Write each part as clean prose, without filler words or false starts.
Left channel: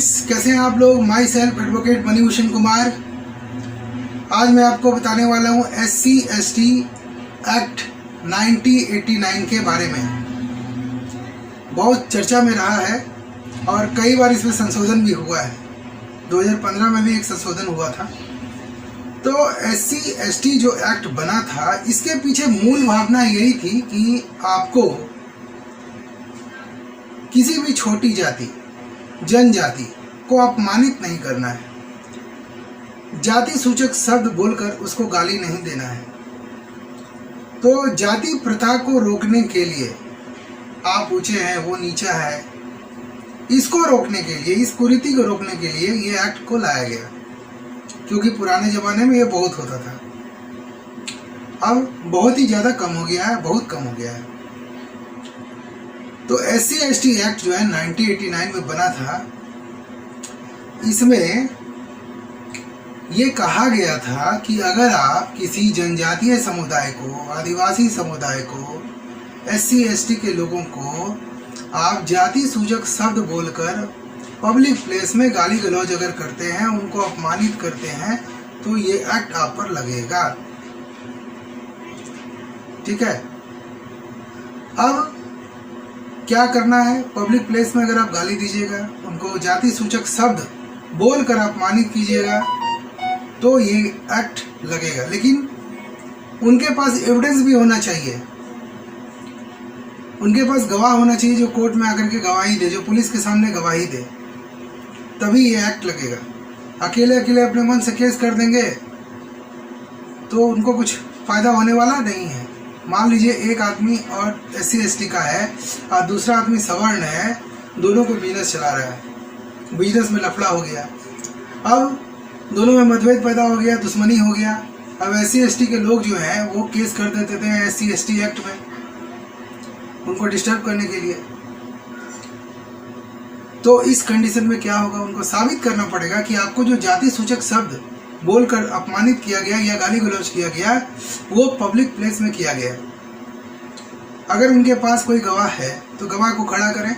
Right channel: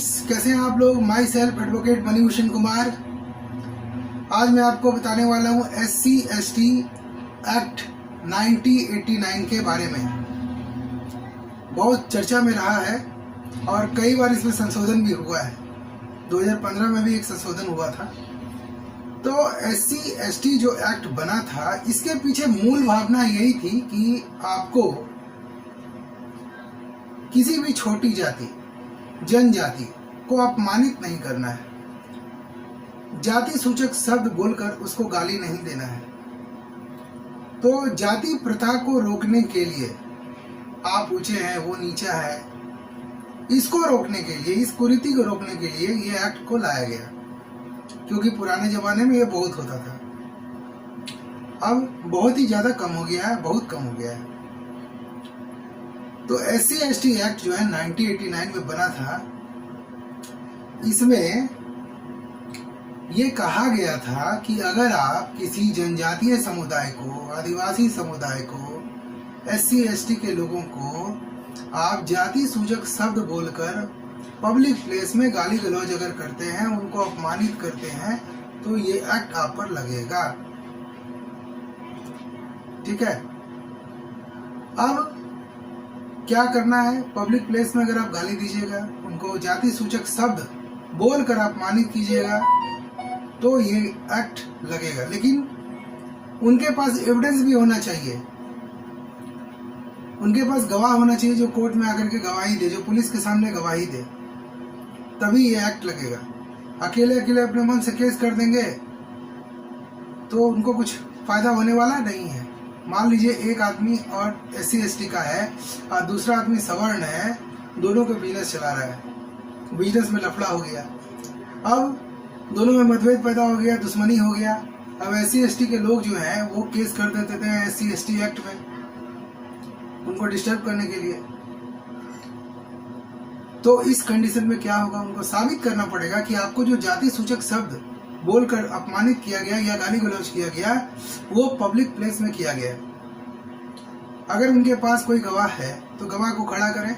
Friends, कैसे हैं आप लोग। My self advocate Manibhushan Kumar. आज मैं आपको बताने वाला हूँ SC/ST एक्ट 1989 के बारे में। बहुत चर्चा में रहा है और कई बार इसमें संशोधन भी हुआ है। 2015 में भी एक संशोधन हुआ था। तो SC/ST जो एक्ट बना था, इसके पीछे मूल भावना यही थी कि आपको किसी भी छोटी जाति, जनजाति को अपमानित नहीं करना है। जाति सूचक शब्द बोलकर उसको गाली नहीं देना है। तो जाति प्रथा को रोकने के लिए, आप ऊंचे हैं वो नीचा है, इसको रोकने के लिए, इस कुरीति को रोकने के लिए ये एक्ट को लाया गया। क्योंकि पुराने जमाने में ये बहुत होता था, अब बहुत ही ज़्यादा कम हो गया है, बहुत कम हो गया है। तो SC/ST एक्ट जो है 1989 में बना था। इसमें ये कहा गया था कि अगर आप किसी जनजातीय समुदाय को, आदिवासी समुदाय को, SC/ST के लोगों को आप जाति सूचक शब्द बोलकर पब्लिक प्लेस में गाली गलौज अगर करते हैं, उनको अपमानित करते हैं, तो ये एक्ट आप पर लगेगा। ठीक है। अब क्या करना है, पब्लिक प्लेस में अगर आप गाली दीजिएगा, उनको जाति सूचक शब्द बोलकर अपमानित कीजिएगा, तो ये एक्ट लगेगा। लेकिन उनके पास एविडेंस भी होना चाहिए, उनके पास गवाह होना चाहिए जो कोर्ट में आकर के गवाही दे, जो पुलिस के सामने गवाही दे, तभी ये एक्ट लगेगा। अकेले अकेले अपने मन से केस कर देंगे तो उनको कुछ फायदा होने वाला नहीं है। मान लीजिए एक आदमी और SC/ST का है और दूसरा आदमी सवर्ण है, दोनों को बिजनेस चला रहा है, बिजनेस में लफड़ा हो गया, अब दोनों में मतभेद पैदा हो गया, दुश्मनी हो गया। अब SC/ST के लोग जो हैं वो केस कर देते थे SC/ST एक्ट में, उनको डिस्टर्ब करने के लिए। तो इस कंडीशन में क्या होगा, उनको साबित करना पड़ेगा कि आपको जो जाति सूचक शब्द बोलकर अपमानित किया गया या गाली गलौज किया गया, वो पब्लिक प्लेस में किया गया। अगर उनके पास कोई गवाह है तो गवाह को खड़ा करें,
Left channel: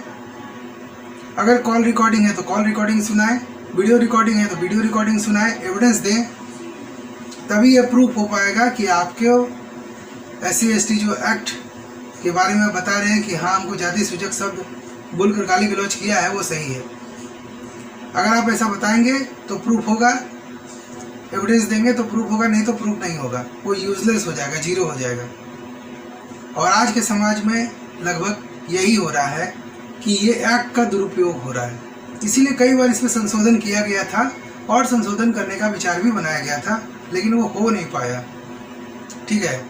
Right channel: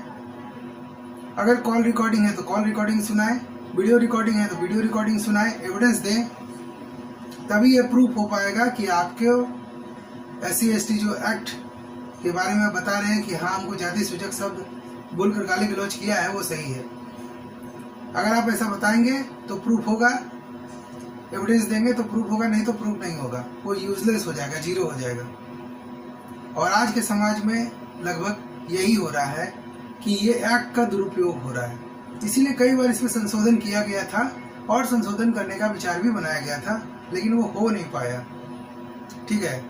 अगर कॉल रिकॉर्डिंग है तो कॉल रिकॉर्डिंग सुनाएं, वीडियो रिकॉर्डिंग है तो वीडियो रिकॉर्डिंग सुनाएं, एविडेंस दें, तभी यह प्रूफ हो पाएगा कि आपके SC/ST जो एक्ट के बारे में बता रहे हैं कि हाँ, हमको जाति सूचक शब्द बोलकर गाली गलौज किया है, वो सही है। अगर आप ऐसा बताएंगे तो प्रूफ होगा, एविडेंस देंगे तो प्रूफ होगा, नहीं तो प्रूफ नहीं होगा, वो यूजलेस हो जाएगा, जीरो हो जाएगा। और आज के समाज में लगभग यही हो रहा है कि ये एक्ट का दुरुपयोग हो रहा है। इसीलिए कई बार इसमें संशोधन किया गया था और संशोधन करने का विचार भी बनाया गया था, लेकिन वो हो नहीं पाया। ठीक है।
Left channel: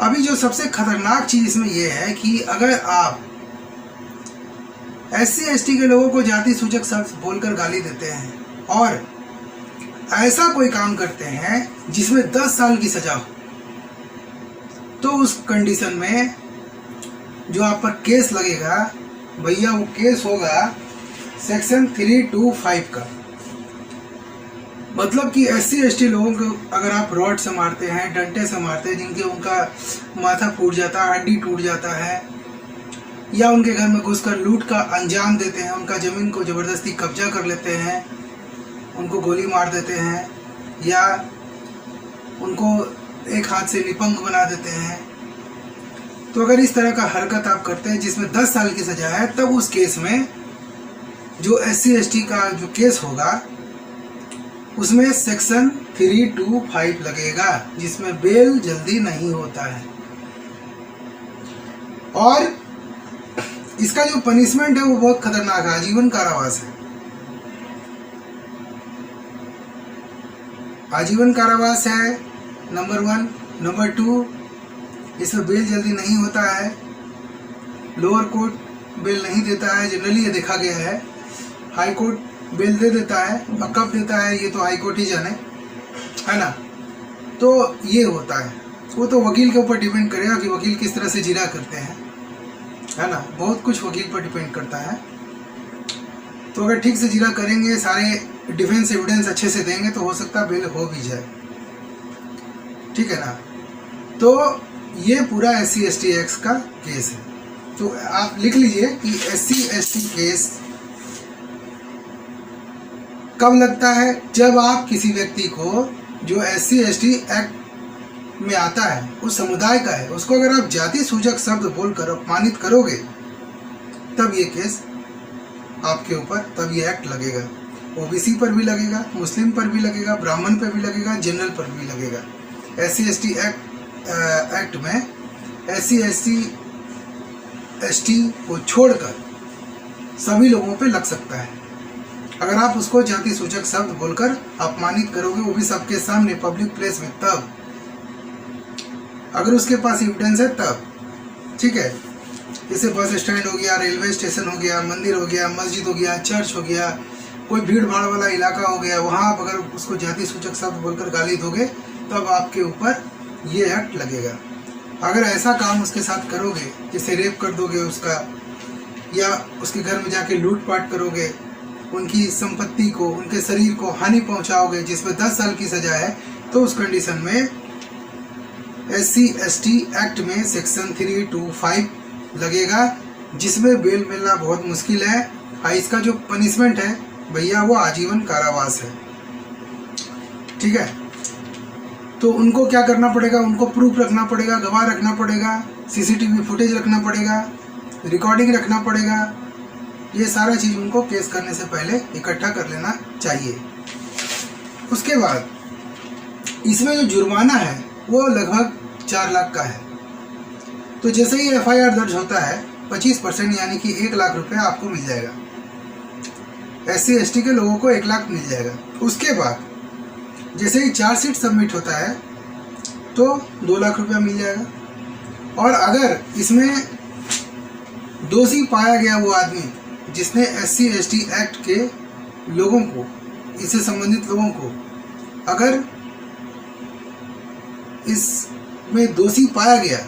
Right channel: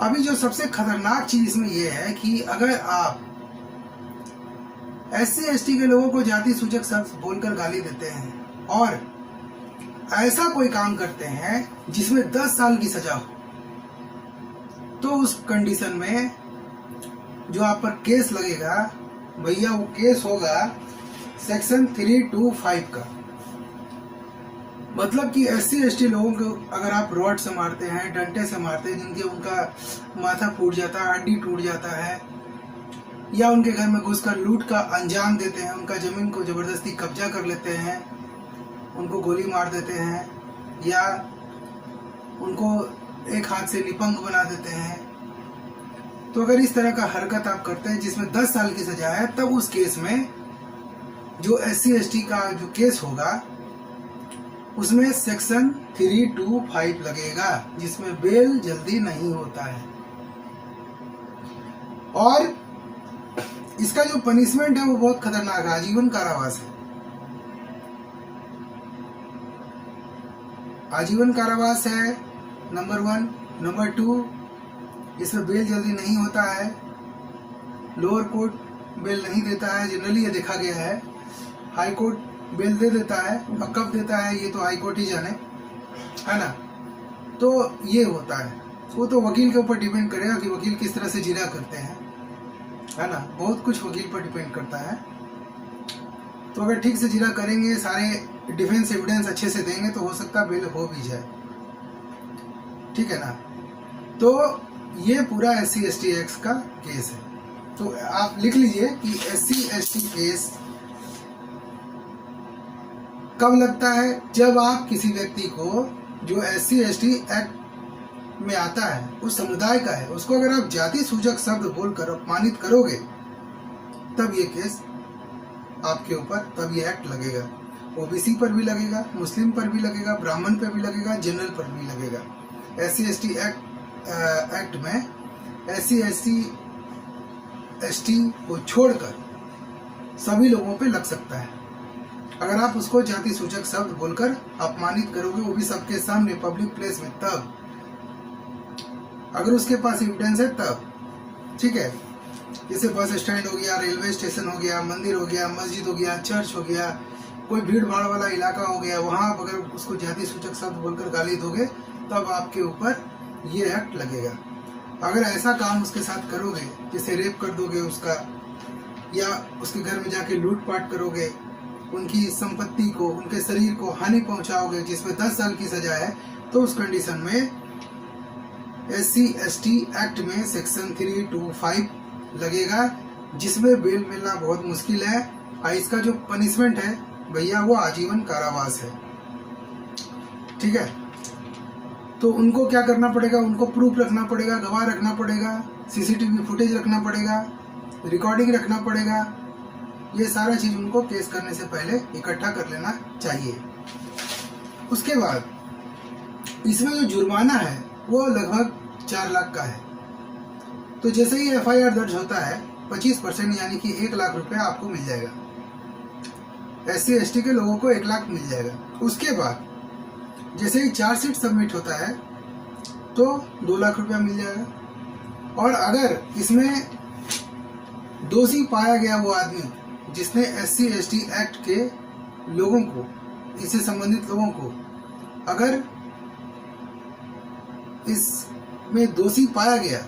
अभी जो सबसे खतरनाक चीज़ इसमें यह है कि अगर आप SC/ST के लोगों को जाति सूचक शब्द बोलकर गाली देते हैं और ऐसा कोई काम करते हैं जिसमें 10 साल की सजा हो, तो उस कंडीशन में जो आप पर केस लगेगा भैया, वो केस होगा सेक्शन 325 का। मतलब कि SC/ST लोगों को अगर आप रॉड से मारते हैं, डंडे से मारते हैं, जिनके उनका माथा फूट जाता है, हड्डी टूट जाता है, या उनके घर में घुसकर लूट का अंजाम देते हैं, उनका ज़मीन को ज़बरदस्ती कब्जा कर लेते हैं, उनको गोली मार देते हैं, या उनको एक हाथ से निपंग बना देते हैं, तो अगर इस तरह का हरकत आप करते हैं जिसमें 10 साल की सजा है, तब उस केस में जो SC/ST का जो केस होगा उसमें सेक्शन 325 लगेगा, जिसमें बेल जल्दी नहीं होता है। और इसका जो पनिशमेंट है वो बहुत खतरनाक है, आजीवन कारावास है। आजीवन कारावास है नंबर 1। नंबर 2, इसमें बेल जल्दी नहीं होता है, लोअर कोर्ट बेल नहीं देता है, जनरली ये देखा गया है। हाई कोर्ट बेल दे देता है, और कब देता है ये तो हाई कोर्ट ही जाने, है ना। तो ये होता है, वो तो वकील के ऊपर डिपेंड करेगा कि वकील किस तरह से जिरा करते हैं, है ना। बहुत कुछ वकील पर डिपेंड करता है। तो अगर ठीक से जिरा करेंगे, सारे डिफेंस एविडेंस अच्छे से देंगे, तो हो सकता है बेल हो भी जाए। ठीक है ना। तो ये पूरा SC/ST एक्ट का केस है। तो आप लिख लीजिए कि SC/ST केस कब लगता है? जब आप किसी व्यक्ति को जो SC/ST एक्ट में आता है, उस समुदाय का है, उसको अगर आप जाति सूचक शब्द बोलकर अपमानित करोगे, तब ये केस आपके ऊपर, तब ये एक्ट लगेगा। OBC पर भी लगेगा, मुस्लिम पर भी लगेगा, ब्राह्मण पर भी लगेगा, जनरल पर भी लगेगा। SC/ST एक्ट में SC/ST को छोड़कर सभी लोगों पे लग सकता है। अगर आप उसको जाति सूचक शब्द बोलकर अपमानित करोगे, वो भी सबके सामने पब्लिक प्लेस में, तब अगर उसके पास एविडेंस है तब, ठीक है। जैसे बस स्टैंड हो गया, रेलवे स्टेशन हो गया, मंदिर हो गया, मस्जिद हो गया, चर्च हो गया, कोई भीड़ भाड़ वाला इलाका हो गया, वहाँ आप अगर उसको जाति सूचक शब्द बोलकर गाली दोगे, तब आपके ऊपर ये एक्ट लगेगा। अगर ऐसा काम उसके साथ करोगे, जैसे रेप कर दोगे उसका, या उसके घर में जाके लूटपाट करोगे, उनकी संपत्ति को, उनके शरीर को हानि पहुंचाओगे, जिसमें 10 साल की सजा है, तो उस कंडीशन में SC/ST एक्ट में सेक्शन 325 लगेगा, जिसमें बेल मिलना बहुत मुश्किल है। और इसका जो पनिशमेंट है भैया, वो आजीवन कारावास है, ठीक है। तो उनको क्या करना पड़ेगा? उनको प्रूफ रखना पड़ेगा, गवाह रखना पड़ेगा, CCTV फुटेज रखना पड़ेगा, रिकॉर्डिंग रखना पड़ेगा। ये सारा चीज़ उनको केस करने से पहले इकट्ठा कर लेना चाहिए। उसके बाद इसमें जो जुर्माना है वो लगभग 4 लाख का है। तो जैसे ही FIR दर्ज होता है, 25% यानी कि 1 लाख रुपये आपको मिल जाएगा। SC/ST के लोगों को 1 लाख मिल जाएगा। उसके बाद जैसे ही चार्जशीट सबमिट होता है, तो 2 लाख रुपया मिल जाएगा। और अगर इसमें दोषी पाया गया वो आदमी जिसने SC/ST एक्ट के लोगों को, इससे संबंधित लोगों को अगर इसमें दोषी पाया गया,